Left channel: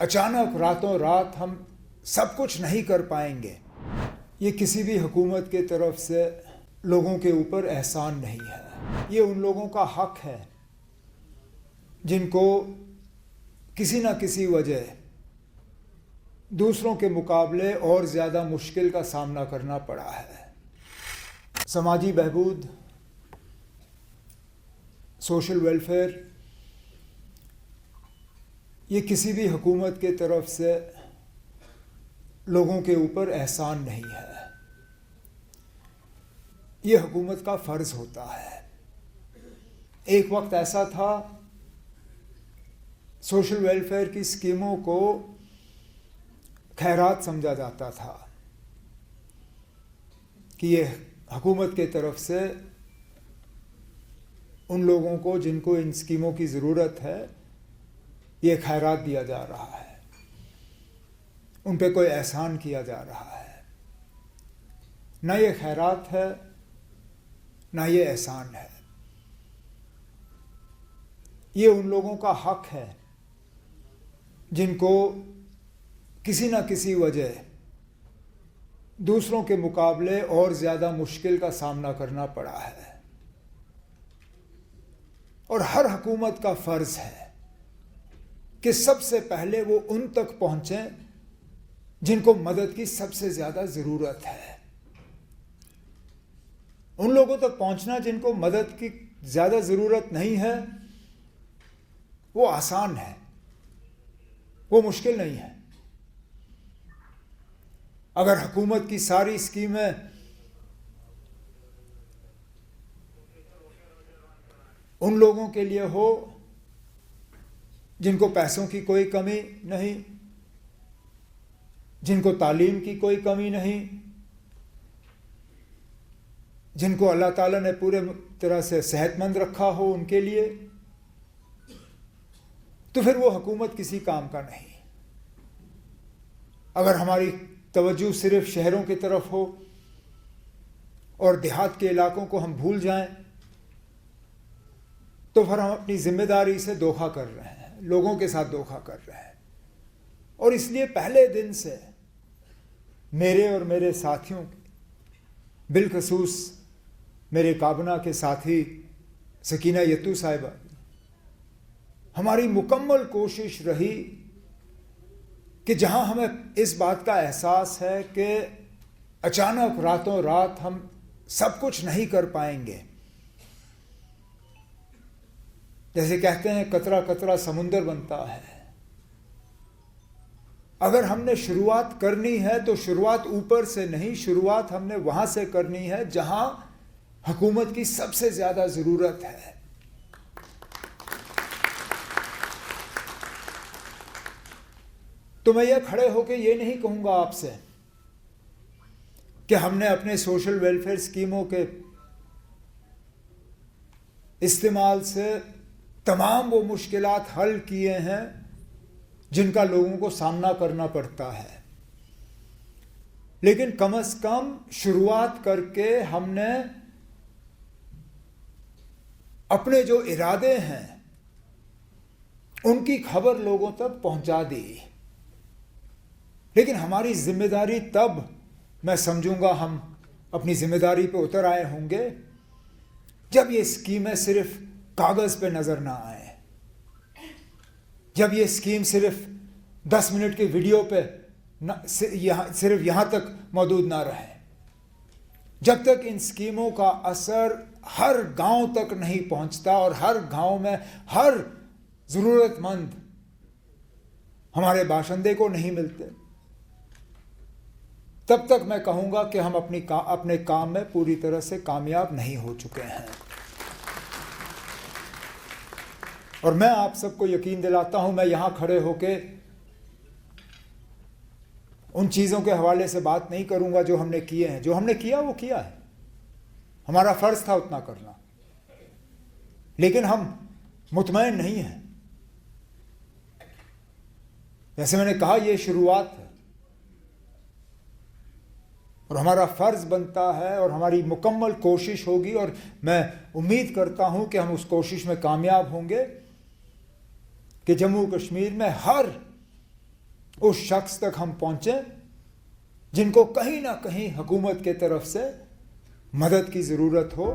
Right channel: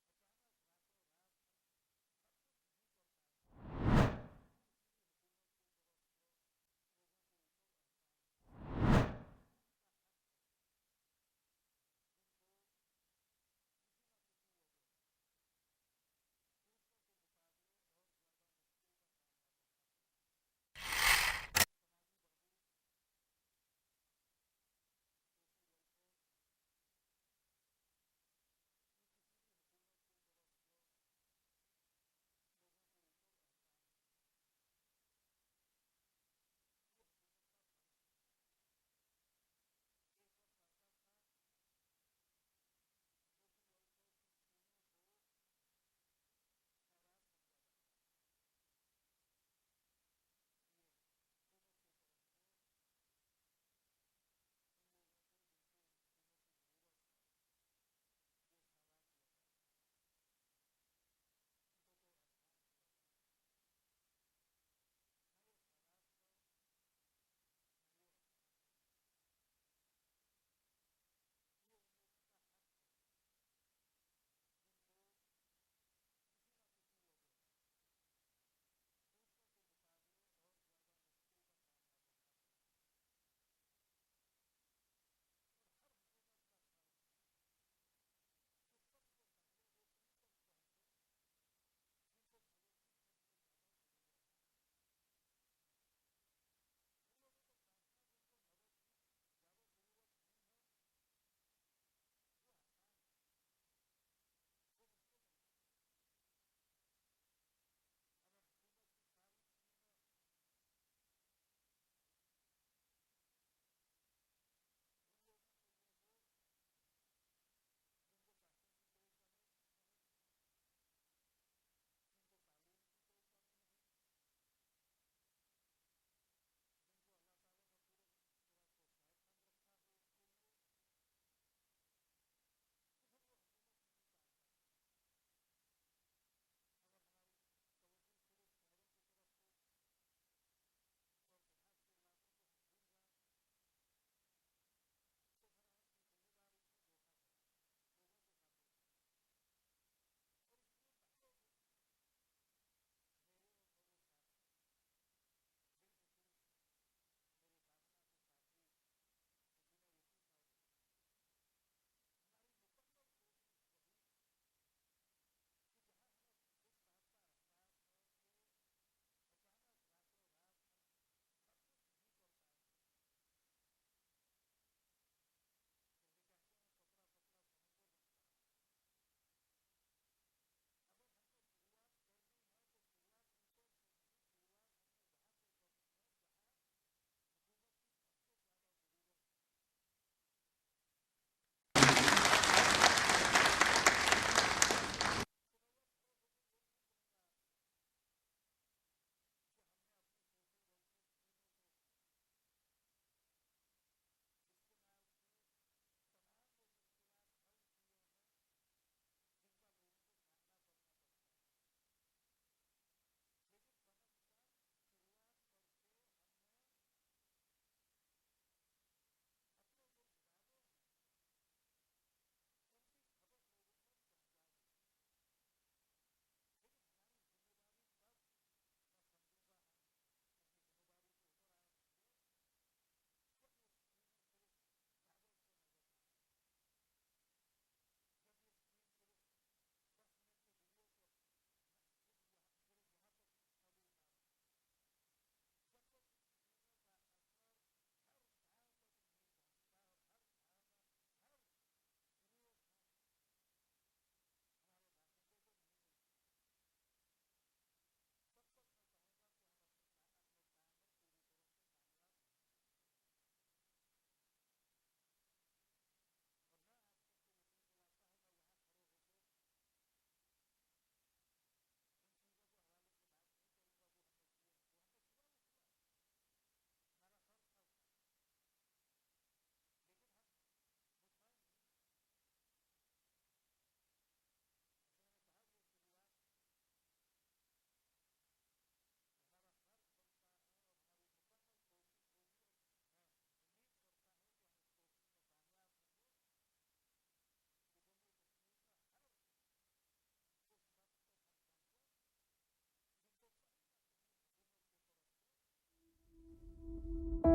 अचानक रातों रात हम सब कुछ नहीं कर पाएंगे, ये किसी भी हुकूमत के तरफ से लोगों के ऊपर एहसान नहीं है। ये उन लोगों का हक है जिनको किसी न किसी वजह दूसरों के मुकाबले और ज़्यादा मुश्किल का सामना करना पड़ा है। समाजी बहबूद, सोशल वेलफेयर, ये किसी भी हुकूमत के तरफ से लोगों के ऊपर एहसान नहीं है, ये हुकूमत का फ़र्ज़ होता है। एक वक्त ऐसा था सोशल वेलफेयर की स्कीमों को खैरात समझा जाता था कि ये हुकूमत के तरफ से उन लोगों को जिनको इन स्कीमों की ज़रूरत है ये खैरात दिया जा रहा है, उन पे कोई एहसान किया जा रहा है। ना ये खैरात है ना ये एहसान है, ये उन लोगों का हक है जिनको किसी न किसी वजह दूसरों के मुकाबले और ज़्यादा मुश्किल का सामना करना पड़ा है। और हर हुकूमत का फ़र्ज़ है कि सबसे पहले वो उन तक पहुँचें जिनको मदद की सबसे ज़्यादा ज़रूरत है। उन लोगों तक पहुँचना जिनको मदद की ज़्यादा ज़रूरत नहीं है वो आसान है, वो मुश्किल नहीं है। अगर हुकूमत की सारी स्कीमें उन लोगों के लिए हो जिनको पैसों की कोई कमी नहीं, जिनको तालीम की कोई कमी नहीं, जिनको अल्लाह ताला ने पूरे तरह से सेहतमंद रखा हो, उनके लिए, तो फिर वो हुकूमत किसी काम का नहीं। अगर हमारी तवज्जो सिर्फ शहरों की तरफ हो और देहात के इलाकों को हम भूल जाएं तो फिर हम अपनी जिम्मेदारी से धोखा कर रहे हैं, लोगों के साथ धोखा कर रहे हैं। और इसलिए पहले दिन से मेरे और मेरे साथियों, बिलखसूस मेरे काबना के साथी सकीना यत्तू साहिबा, हमारी मुकम्मल कोशिश रही कि जहां हमें इस बात का एहसास है कि अचानक रातों रात हम सब कुछ नहीं कर पाएंगे, जैसे कहते हैं कतरा कतरा समुंदर बनता है। अगर हमने शुरुआत करनी है तो शुरुआत ऊपर से नहीं, शुरुआत हमने वहां से करनी है जहां हुकूमत की सबसे ज्यादा जरूरत है। तो मैं ये खड़े होकर ये नहीं कहूंगा आपसे कि हमने अपने सोशल वेलफेयर स्कीमों के इस्तेमाल से तमाम वो मुश्किलात हल किए हैं जिनका लोगों को सामना करना पड़ता है, लेकिन कम से कम शुरुआत करके हमने अपने जो इरादे हैं उनकी खबर लोगों तक पहुंचा दी। लेकिन हमारी जिम्मेदारी तब मैं समझूंगा हम अपनी जिम्मेदारी पे उतर आए होंगे जब ये स्कीमें सिर्फ कागज पे नजर ना आए, जब ये स्कीम सिर्फ 10 मिनट के वीडियो पे सिर्फ यहां तक मौजूद ना रहे, जब तक इन स्कीमों का असर हर गांव तक नहीं पहुंचता और हर गांव में हर जरूरतमंद हमारे बाशिंदे को नहीं मिलते, तब तक मैं कहूंगा कि हम अपने काम में पूरी तरह से कामयाब नहीं हो चुके हैं। और मैं आप सबको यकीन दिलाता हूं, मैं यहां खड़े होके उन चीज़ों के हवाले से बात नहीं करूंगा जो हमने किए हैं। जो हमने किया वो किया है, हमारा फ़र्ज़ था उतना करना, लेकिन हम मुतमईन नहीं हैं। जैसे मैंने कहा ये शुरुआत है और हमारा फ़र्ज़ बनता है और हमारी मुकम्मल कोशिश होगी, और मैं उम्मीद करता हूं कि हम उस कोशिश में कामयाब होंगे कि जम्मू कश्मीर में हर उस शख्स तक हम पहुंचे जिनको कहीं ना कहीं हुकूमत के तरफ से मदद की ज़रूरत हो।